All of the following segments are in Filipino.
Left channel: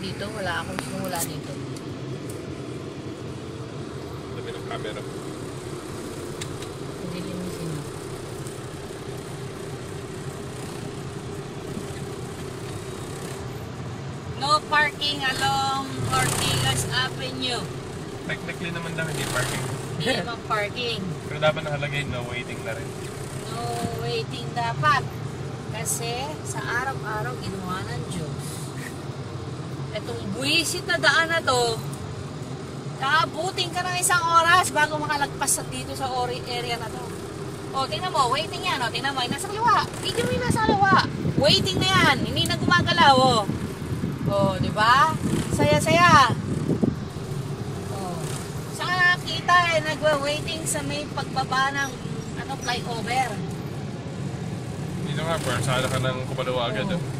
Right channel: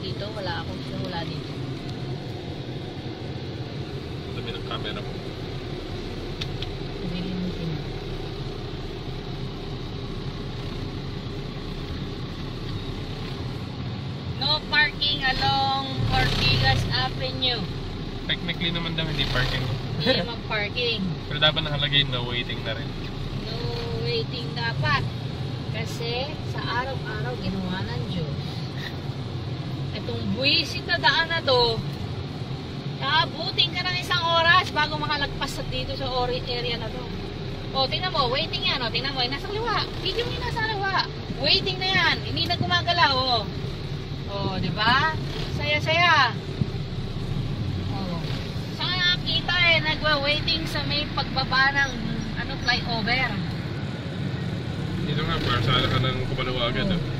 dito. Wala akong simula dito. Sabi ng camera. Nililinisin mo. No parking along Ortigas Avenue. Technically naman daw hindi parking. Hindi naman parking. Pero dapat nakalagay no waiting na rin. No waiting dapat. Kasi sa araw-araw ginawa ng Diyos. Itong buwisit na daan na to, Naabutin ka ng isang oras bago makalagpas sa dito sa area na to. O, tingnan mo, waiting yan. O, tingnan mo, nasa kaliwa. Video yung nasa kaliwa. Waiting na yan. Hindi na gumagalaw, o. O, di ba? Saya-saya. O. Saan ka nakakita eh, nagwa-waiting sa may pagbaba ng ano, flyover. Dito nga, parsada ka ng Kupalawa agad. Oo. Oh.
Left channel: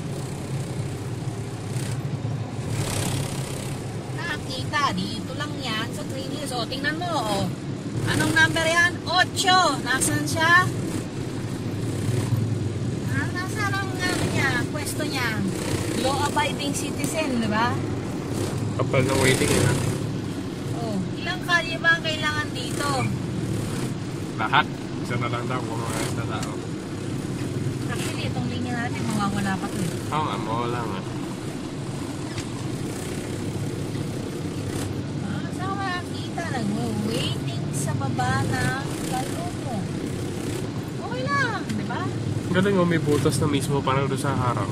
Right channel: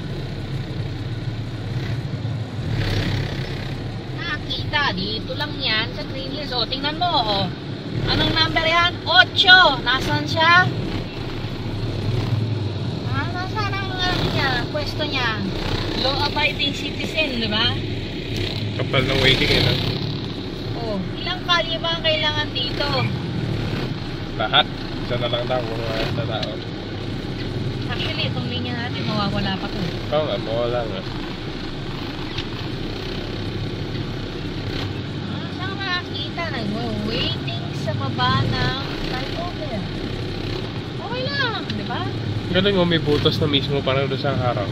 Nakakita, dito lang yan sa Green Hills. O, tingnan mo, o. Anong number yan? 8. Nasaan siya? Ah, nasaan ang ano niya, pwesto niya? Law-abiding citizen, di ba? Kapal ng waiting nila. Oh, ilang kalye ba ang kailangan dito? Lahat. Isa na lang daw kung sa tao. Actually, itong linya natin, mawawala pa to. Oo nga, mawala nga. Ah, saan ka nakakita? Nag-waiting sa baba ng flyover. Okay lang, di ba? Ganun mo, may butas na mismo parang doon sa harang.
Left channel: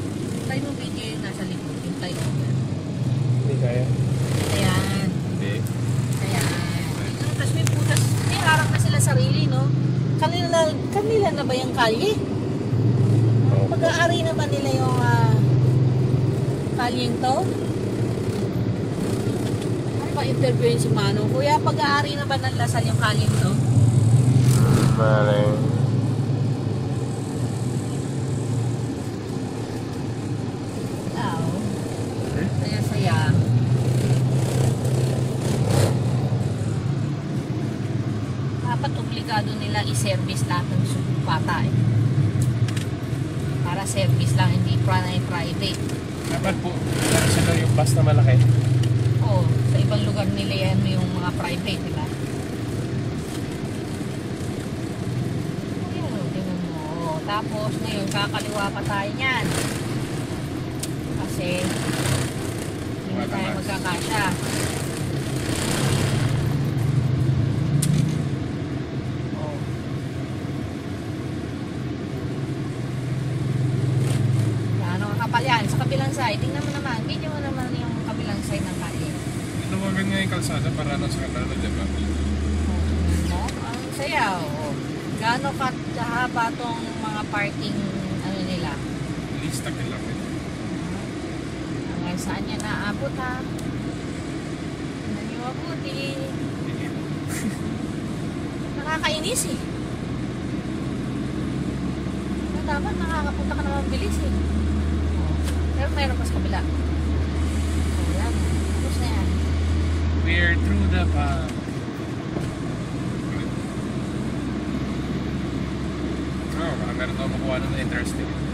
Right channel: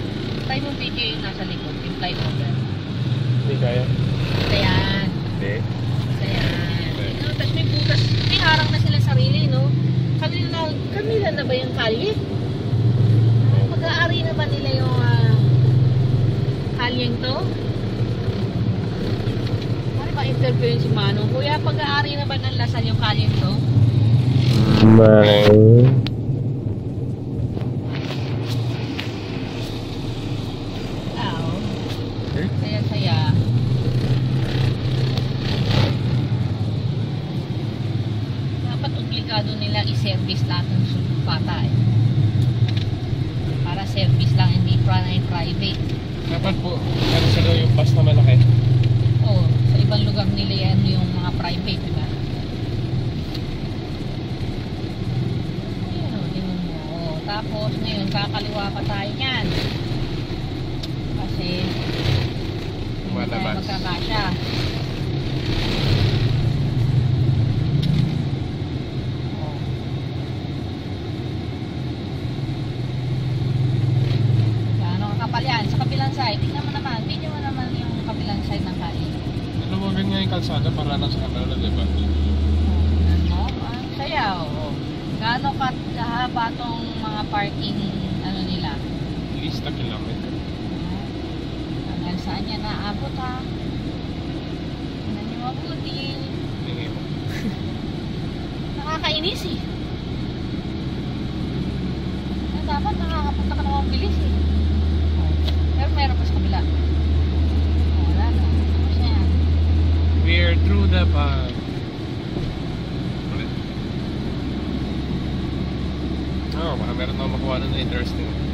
Try mo video yung nasa likod, yung flyover. Hindi kaya. Ayan. Hindi. Ayan. Ino, tapos may butas. May harap na sila sarili, no? Kanila, kanila na ba yung kalye? Pag-aari na ba nila yung ah, kalyeng to? Ano ba interview yun si Manong? Kuya, pag-aari na ba ng Lasal yung kalyeng to? Dapat obligado nila i-service lahat ng bata eh. Para service lang, hindi pri- private. Dapat po, sila yung bus na malaki. Oo, sa ibang lugar nila yan yung mga private, di ba? Ayun, tingnan mo. Oo, Tapos, ngayon, kakaliwa pa tayo niyan. Kasi, hindi tayo magkakasya. Gaano kakapal yan? Sa kabilang side, tingnan mo naman. Video mo naman yung kabilang side ng kain. Nawagan nga yung kalsada para lang sa kanila, di ba? Oh, tingnan mo. Ang saya, oh. Gaano ka kahaba tong mga parking, ano nila? At least a kilometer. Ah, Hanggang saan yan naabot, ha? Tingin. Nakakainis, eh. So, dapat nakakapunta ka naman bilis, eh. Oh, Pero meron pa sa kabila. Oh, wala na. Tapos na yan. We're through the path. Ulit. Oo, parang meron ako makuha ng interesting.